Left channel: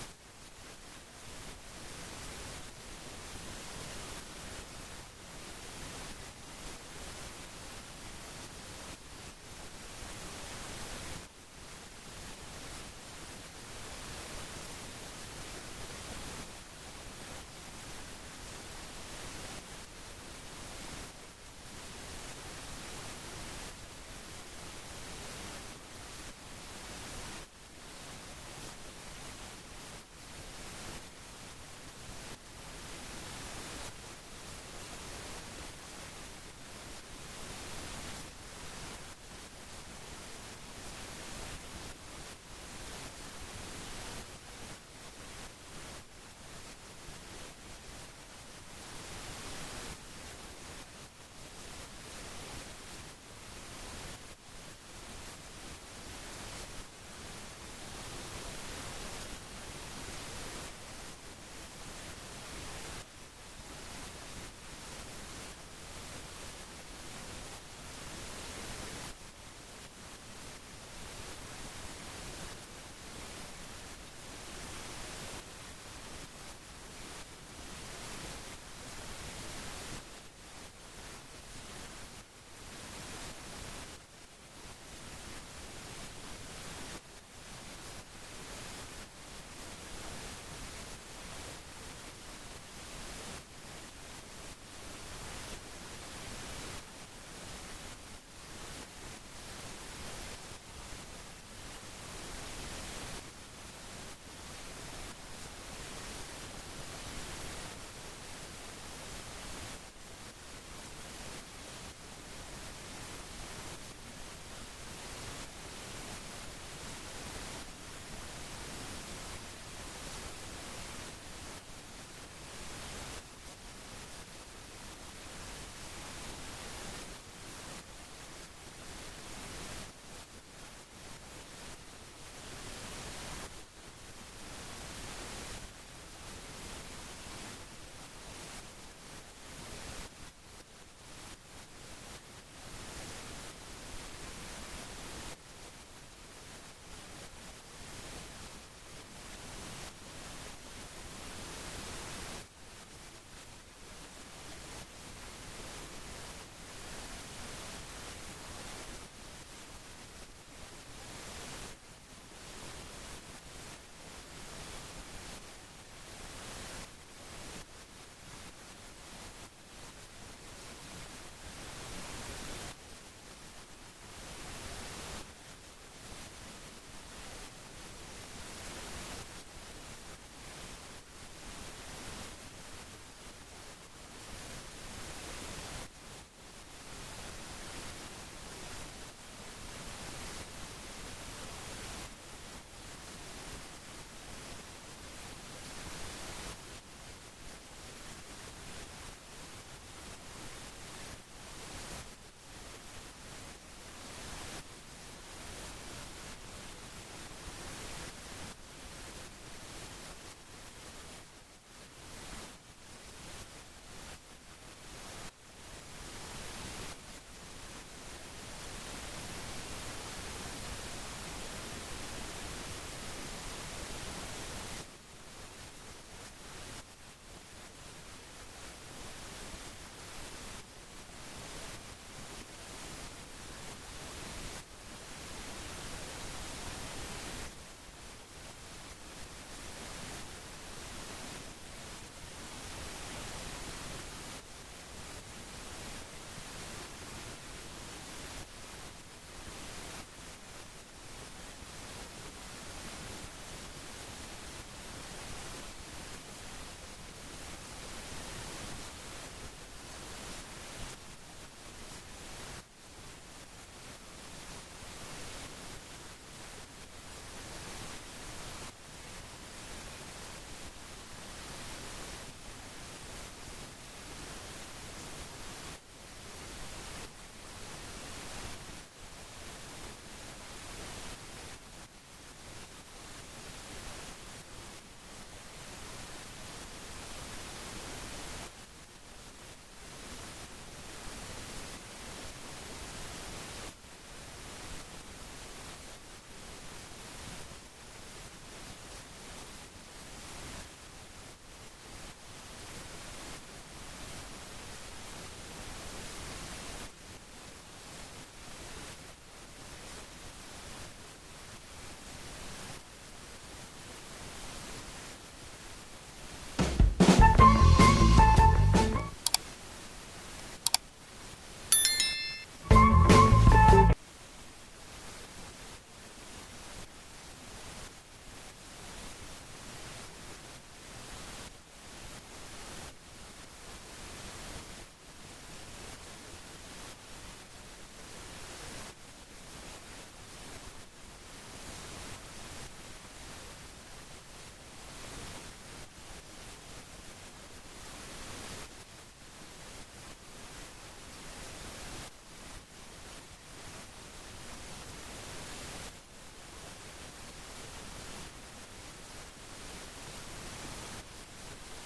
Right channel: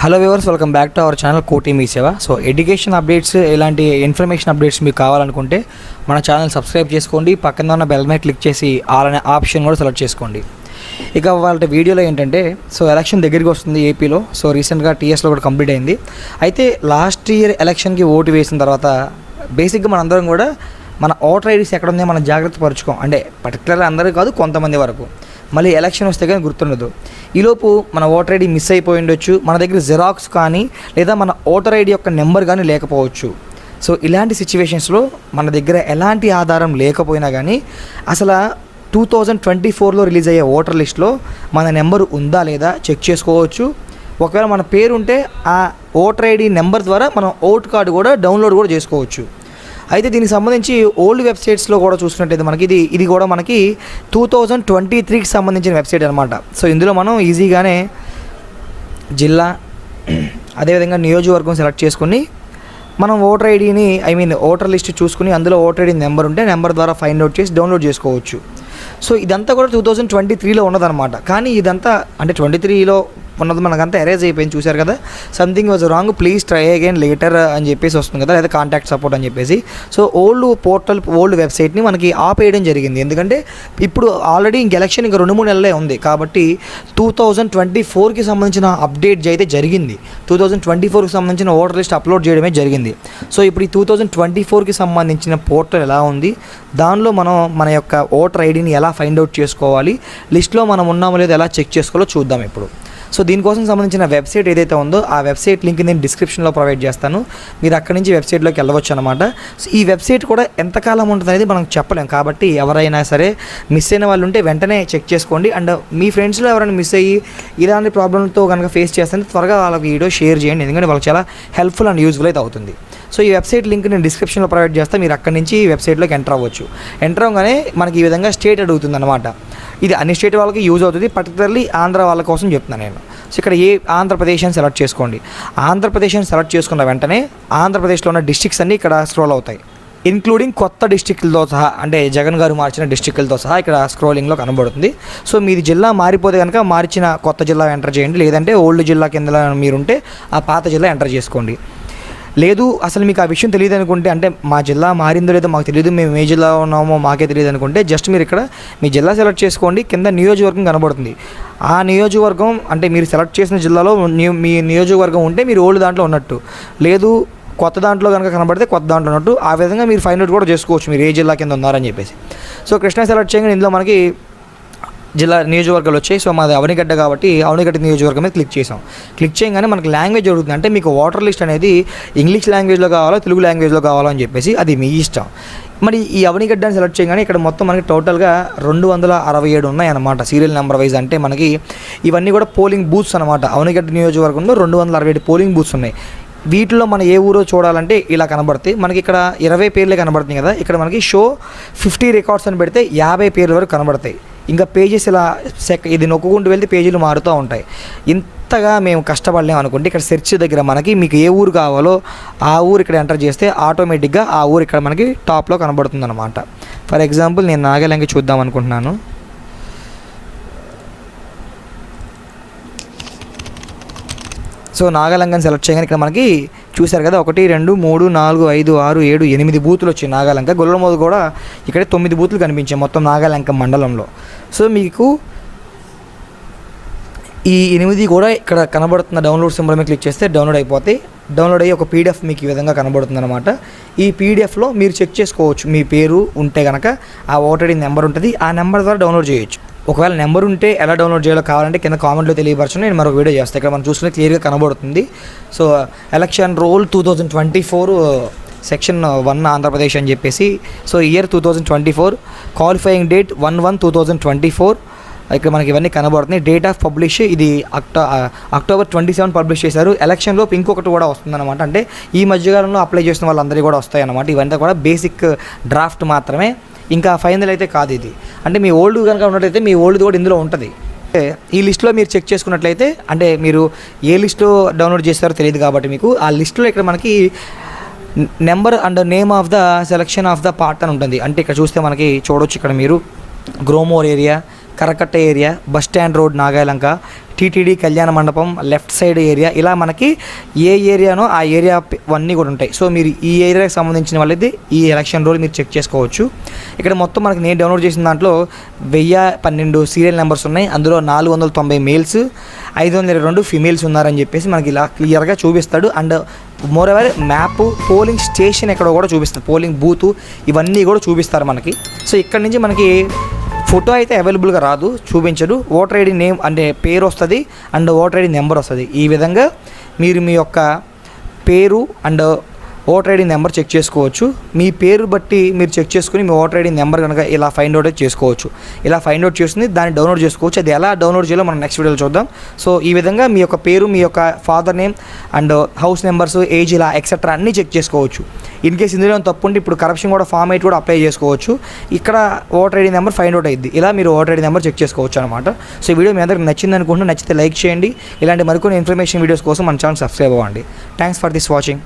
Hello viewers welcome back to our channel Koti Mee Seva so education updates ఇలాంటి information updates మీకు కావాలనుకుంటే మన channel subscribe చేసుకోండి. పక్కన ఉన్న బెల్ మీద క్లిక్ చేసి ఆల్ అనే ఆప్షన్ కూడా సెలెక్ట్ చేసుకోండి. ఇక వాళ్ళ వీడియోలో ఏంటంటే సో ఎలక్షన్ దగ్గరికి వస్తుంది ఏపీలో సో రీసెంట్గా టీఎస్లో కూడా కంప్లీట్ అయింది. అయితే లాస్ట్ ఇయర్ ఎలక్షన్కి ఓటు వేసిన తర్వాత బేసిక్గా మనందరం కూడా మన ఓటర్ ఐడీస్ ఎక్కడ ఉందో మనం జాగ్రత్త పరుచుకోం. అంటే పర్టికులర్ అందరూ కాదు కొంతమంది వరకు. మళ్ళీ ఎలక్షన్ వస్తే కానీ గుర్తుండదు. ఈలోపు మన ఓటర్ ఐడి మిస్ అయిపోయి ఉండొచ్చు. మన దగ్గర జెరాక్స్ కానీ లేదా మన ఓటర్ ఐడి యొక్క నెంబర్ కానీ లేకపోవచ్చు. సో ఇలాంటి సిచ్యువేషన్స్లో మన దగ్గర ఎలాంటి ఆధారం లేకపోయినా కానీ అసలు టూ థౌజండ్ ట్వంటీ ఫోర్లో రిలీజ్ అయ్యే ఓటర్ లిస్ట్లో మన నెంబర్ ఉందా లేదా చెక్ చేసుకోవచ్చు. ఒకవేళ మన పేరు ఉంటే ఆ ఓటర్ ఐడి నెంబర్ ద్వారా మనం ఓట్ కార్డు కూడా డౌన్లోడ్ కూడా చేసుకోవచ్చు. అయితే దీనికి సంబంధించి ఓల్డ్ వెబ్సైట్స్లో కూడా చూసినట్టయితే మనకి ఇది ఇది కూడా మనకి టూ థౌజండ్ ట్వంటీ త్రీకి సంబంధించిన వెబ్సైట్ అనమాట సో ఇందులో మనం ఈజీగానే జిల్లా అదేవిధంగా నియోజకవర్గం సెలెక్ట్ చేసుకుని మనం ఓటర్ ఐడిని ఐ మీన్ ఓటర్ లిస్ట్ చూసుకుని అందులో ఓటర్ ఐడి నెంబర్ ఉంటే నెంబర్ ద్వారా ఫైండ్ అవుట్ చేసి డౌన్లోడ్ చేసుకోవచ్చు. సో ఇదంతా కూడా టూ థౌజండ్ ట్వంటీ త్రీలో ఉన్నదన్నమాట. కానీ ఇదంతా అంటే ట్వంటీ త్రీలో ఉన్నది మనకంతా ఎరేజ్ అయిపోయింది చూశారు కదా? Something was wrong please try again later అని చెప్పేసి వస్తుంది కదా లేదా కాంటాక్ట్ సపోర్ట్ అని చెప్పేసి. సో ఓల్డ్ పోర్టల్ ఓల్డ్ వెబ్సైట్ని మనకి ఆపేయడం జరిగింది. ఎందుకంటే ఇప్పుడు ఆల్రెడీ ఇంక ఎలక్షన్ ఇంకా రెండు మూడు నెలలే ఉంది. కాబట్టి టూ థౌజండ్ ట్వంటీ ఫోర్కి సంబంధించిన అప్డేట్ అయితే జరిగింది. టూ థౌజండ్ ట్వంటీ ఫోర్కి సంబంధించిన ఓటర్ లిస్ట్ అప్లోడ్ చేయడమే జరిగింది. సో ఇప్పుడు ఈ టూ థౌజండ్ ట్వంటీ ఫోర్కి సంబంధించిన పోర్టల్ ఎలా ఉంది? దానిలో మనం మన యొక్క ఓటర్ ఐడిని ఎలా ఫైండ్ అవుట్ చేసుకోవాలి? లిస్ట్లో మనం ఉన్నామో లేదో ఎలా చెక్ చేసుకోవాలో చూద్దాం ఇప్పుడు. సో దీనికోసం సంబంధించిన వెబ్సైట్ ఏదైతే ఉందో ఆ వెబ్సైట్ లింక్ నేను డిస్క్రిప్షన్లో ప్రొవైడ్ చేస్తాను. మీరు అక్కడి నుంచి వెబ్సైట్లోకి వెళ్ళవచ్చు అనమాట సో ఈ వెబ్సైట్ కూడా ఎంతకాలం ఉంటుంది అనేది మనం చెప్పలేం. కాబట్టి ఎవరైనా సరే మిస్ అయిన వాళ్ళు ఉంటే వెంటనే చెక్ చేసుకోండి. అండ్ మీ ఫ్రెండ్స్లో ఎవరైనా మిస్ అయ్యి ఇలాంటి ప్రాబ్లంతో కనుక ఫేస్ చేస్తే త్వరగా వాళ్ళకి వీడియో షేర్ చేయండి. ఎందుకంటే వాళ్ళకి చాలా హెల్ప్ఫుల్ అండ్ యూజ్ఫుల్ అయితే అవుతుంది. సో ఈ వెబ్సైట్ లింక్ నేను డిస్క్రిప్షన్లో ప్రొవైడ్ చేస్తే. మీరు అక్కడి నుంచి ఈ వెబ్సైట్లోకి ఎంటర్ అవ్వచ్చు. ఎంటర్ అవ్వగానే మనకి ఈ విధంగా స్టేట్ అడుగుతుంది అనమాట ఇది అన్ని స్టేట్ వాళ్ళకి యూజ్ అవుతుంది. పర్టికులర్లీ ఆంధ్ర వాళ్ళ కోసం చెప్తున్నాను నేను. సో ఇక్కడ ఏ ఆంధ్రప్రదేశ్ అని సెలెక్ట్ చేసుకోండి. ఆంధ్రప్రదేశ్ అని సెలెక్ట్ చేసుకున్న వెంటనే ఆంధ్రప్రదేశ్లో ఉన్న డిస్ట్రిక్ట్స్ అన్నీ ఇక్కడ స్క్రోల్ అవుతాయి. ఇన్క్లూడింగ్ కొత్త డిస్టిక్లతో సహా అంటే జగన్ గారు మార్చిన డిస్టిక్లతో సహా ఇక్కడ స్క్రోలింగ్లో కనబడుతుంది. సో మీది జిల్లా మారిపోతే కనుక మార్చిన కొత్త జిల్లా ఎంటర్ చేయండి. లేదంటే ఓల్డ్ జిల్లా కింద మీరుంటే ఆ పాత జిల్లా ఎంటర్ చేసుకోండి. లేదు అసలు మీకు ఆ విషయం తెలియదు అనుకుంటే అంటే మా జిల్లా మారిందో లేదో మాకు తెలియదు మేము ఏ జిల్లా ఉన్నామో మాకే తెలియదు అనుకుంటే జస్ట్ మీరు ఇక్కడ మీ జిల్లా సెలెక్ట్ చేసుకోండి కింద నియోజకవర్గం కనబడుతుంది. ఆ నియోజకవర్గం అంటే మీరు సెలెక్ట్ చేసిన జిల్లాలో మీ నియోజకవర్గం ఉంటే మీరు ఓల్డ్ దాంట్లో ఉన్నట్టు. లేదు కొత్త దాంట్లో కనుక కనబడితే కొత్త దాంట్లో ఉన్నట్టు ఆ విధంగా మీరు ఫైండ్ అవుట్ కూడా చేసుకోవచ్చు మీరు ఏ జిల్లా కింద ఉన్నారని చెప్పేసి. సో కృష్ణా సెలెక్ట్ చేయగానే ఇందులో మనకి జిల్లా నియోజకవర్గాలు వచ్చాయి. సో మాది అవనిగడ్డ కాబట్టి అవనిగడ్డ నియోజకవర్గం మీద క్లిక్ చేసాం క్లిక్ చేయగానే మనకి లాంగ్వేజ్ జరుగుతుంది అంటే మీకు వాటర్ లిస్ట్ అనేది ఇంగ్లీష్ లాంగ్వేజ్లో కావాలో తెలుగు లాంగ్వేజ్లో కావాలో అని చెప్పేసి అది మీ ఇష్టం. మరి ఈ అవనిగడ్డని సెలెక్ట్ చేయగానే ఇక్కడ మొత్తం మనకి టోటల్గా రెండు వందల అరవై ఏడు ఉన్నాయన్నమాట. సీరియల్ నెంబర్ వైజ్ అంటే మనకి ఇవన్నీ కూడా పోలింగ్ బూత్స్ అనమాట అవనిగడ్డ నియోజకవర్గంలో రెండు వందల అరవై ఏడు పోలింగ్ బూత్స్ ఉన్నాయి. వీటిలో మనం ఏ ఊరో చూడాలంటే ఇలా కనబడతాయి. మనకి ఇక్కడ ఇరవై పేర్లే కనబడుతుంది కదా. ఇక్కడ మనకి షో ఫిఫ్టీ రికార్డ్స్ అని పెడితే యాభై పేర్ల వరకు కనబడతాయి. ఇంకా పేజెస్ ఇలా సెక్ ఇది నొక్కుకుంటూ వెళ్తే పేజీలు మారుతూ ఉంటాయి. ఇంతగా మేము కష్టపడలేము అనుకుంటే ఇక్కడ సెర్చ్ దగ్గర మనకి మీకు ఏ ఊరు కావాలో ఆ ఊరు ఇక్కడ ఎంటర్ చేస్తే ఆటోమేటిక్గా ఆ ఊరు ఇక్కడ మనకి టాప్లో కనబడుతుంది అనమాట ఫర్ ఎగ్జాంపుల్ నేను నాగాలంగి చూద్దాం అనుకుంటున్నాను. సో నాగాలంగని సెలెక్ట్ చేయగానే ఇక్కడ మనకి చూశారు కదా ఒకటి రెండు మూడు నాలుగు ఐదు ఆరు ఏడు ఎనిమిది బూతులు వచ్చాయి నాగాలంక. గొల్లమోదు కూడా ఇక్కడ తొమ్మిది బూతులు కనిపించాయి మొత్తం నాగాలంక మండలంలో. సో మీకు ఈ ఎనిమిది కూడా ఇక్కడ కనబడుతున్న డౌన్లోడ్ సింబల్ మీద క్లిక్ చేస్తే డౌన్లోడ్ అయిపోతాయి డౌన్లోడ్ అయ్యి ఒక పీడిఎఫ్ మీకు ఈ విధంగా కనబడుతుంది అనమాట ఈ పీడిఎఫ్లో మీరు చెక్ చేసుకోవచ్చు మీ పేరు ఉంటే కనుక ఆ ఓటర్ నెంబర్ ఉంటుంది ఆ నెంబర్ ద్వారా డౌన్లోడ్ చేయొచ్చు. ఒకవేళ నెంబర్ ఉంటే ఎలా డౌన్లోడ్ చేయాలో కావాలంటే కింద కామెంట్లో తెలియపరచు నేను మరొక వీడియో చేస్తాను ఇక్కడ మనం చూసుకుంటే క్లియర్గా కనబడుతుంది. So election roll two thousand twenty four uh, section one Andhra Pradesh అని చెప్పేసి so year two thousand twenty four qualifying date one one two thousand twenty four. ఇక్కడ మనకి ఇవన్నీ కనబడుతున్నాయి. డేట్ ఆఫ్ పబ్లిష్ ఇది octo October twenty seven publish చేశారు. ఎలక్షన్లో ఇంకొకటి కూడా వస్తుందన్నమాట. అంటే ఈ మధ్యకాలంలో అప్లై చేసిన వాళ్ళందరికీ కూడా వస్తాయన్నమాట. ఇవంతా కూడా బేసిక్ డ్రాఫ్ట్ మాత్రమే. ఇంకా ఫైనల్ అయితే కాదు ఇది. అంటే మీ ఓల్డ్ కనుక ఉన్నట్లయితే మీ ఓల్డ్ కూడా ఇందులో ఉంటుంది. ఈ లిస్ట్లో మీరు చెక్ చేసుకున్నట్లయితే అంటే మీరు ఏ లిస్ట్లో డౌన్లోడ్ చేస్తారో తెలియదు కాబట్టి మీకు ఆ లిస్ట్లో ఇక్కడ మనకి number and name of the selection of the part అని ఉంటుంది. అంటే ఇక్కడ చూస్తే మనకి చూడొచ్చు ఇక్కడ మీరు. Gromor area Karakatta area bus stand road Nagalanka TTD కళ్యాణ మండపం లెఫ్ట్ సైడ్ ఏరియా. ఇలా మనకి ఏ ఏరియానో ఆ ఏరియా అన్నీ కూడా ఉంటాయి. సో మీరు ఈ ఏరియాకి సంబంధించిన వాళ్ళైతే ఈ ఎలక్షన్ రోల్ మీరు చెక్ చేసుకోవచ్చు. ఇక్కడ మొత్తం మనకి నేను డౌన్లోడ్ చేసిన దాంట్లో వెయ్యి పన్నెండు సీరియల్ నెంబర్స్ ఉన్నాయి. అందులో నాలుగు వందల తొంభై మేల్స్ ఐదు వందల ఇరవై రెండు ఫిమేల్స్ ఉన్నారని చెప్పేసి మనకి ఇలా క్లియర్గా చూపిస్తాడు. And more ever map polling station ఎక్కడ కూడా చూపిస్తారు పోలింగ్ బూత్ ఇవన్నీ కూడా చూపిస్తారు మనకి. సో ఇక్కడ నుంచి మనకి ఫోటో అయితే అవైలబుల్గా రాదు చూపించడు. ఓటర్ ఐడి నేమ్ అంటే పేరు వస్తుంది అండ్ ఓటర్ ఐడి నెంబర్ వస్తుంది. ఈ విధంగా మీరు మీ యొక్క పేరు and voter ID number check చేసుకోవచ్చు. మీ పేరు బట్టి మీరు చెక్ చేసుకుని మీ ఓటర్ ఐడి నెంబర్ కనుక ఇలా ఫైండ్ అవుట్ చేసుకోవచ్చు. ఇలా ఫైండ్ అవుట్ చేస్తుంది దాన్ని డౌన్లోడ్ చేసుకోవచ్చు. అది ఎలా డౌన్లోడ్ చేయాలో మనం నెక్స్ట్ వీడియోలో చూద్దాం. సో ఈ విధంగా మీ యొక్క పేరు మీ యొక్క father name and house numbers age ఇలా ఎక్సెట్రా అన్నీ చెక్ చేసుకోవచ్చు. ఇన్ కేస్ ఇందులో ఏమైనా తప్పు ఉంటే ఇప్పుడు కరప్షన్ కూడా ఫామ్ అయితే కూడా అప్లై చేసుకోవచ్చు. ఇక్కడ voter ID number find out అయ్యింది ఇలా మీరు ఓటర్ ఐడి నెంబర్ చెక్ చేసుకోవచ్చు అనమాట సో ఈ వీడియో మీ అందరికి నచ్చింది అనుకుంటే నచ్చితే లైక్ చేయండి. ఇలాంటి మరికొన్ని ఇన్ఫర్మేషన్ వీడియోస్ కోసం మన ఛానల్ సబ్స్క్రైబ్ అవ్వండి. Thanks for this watching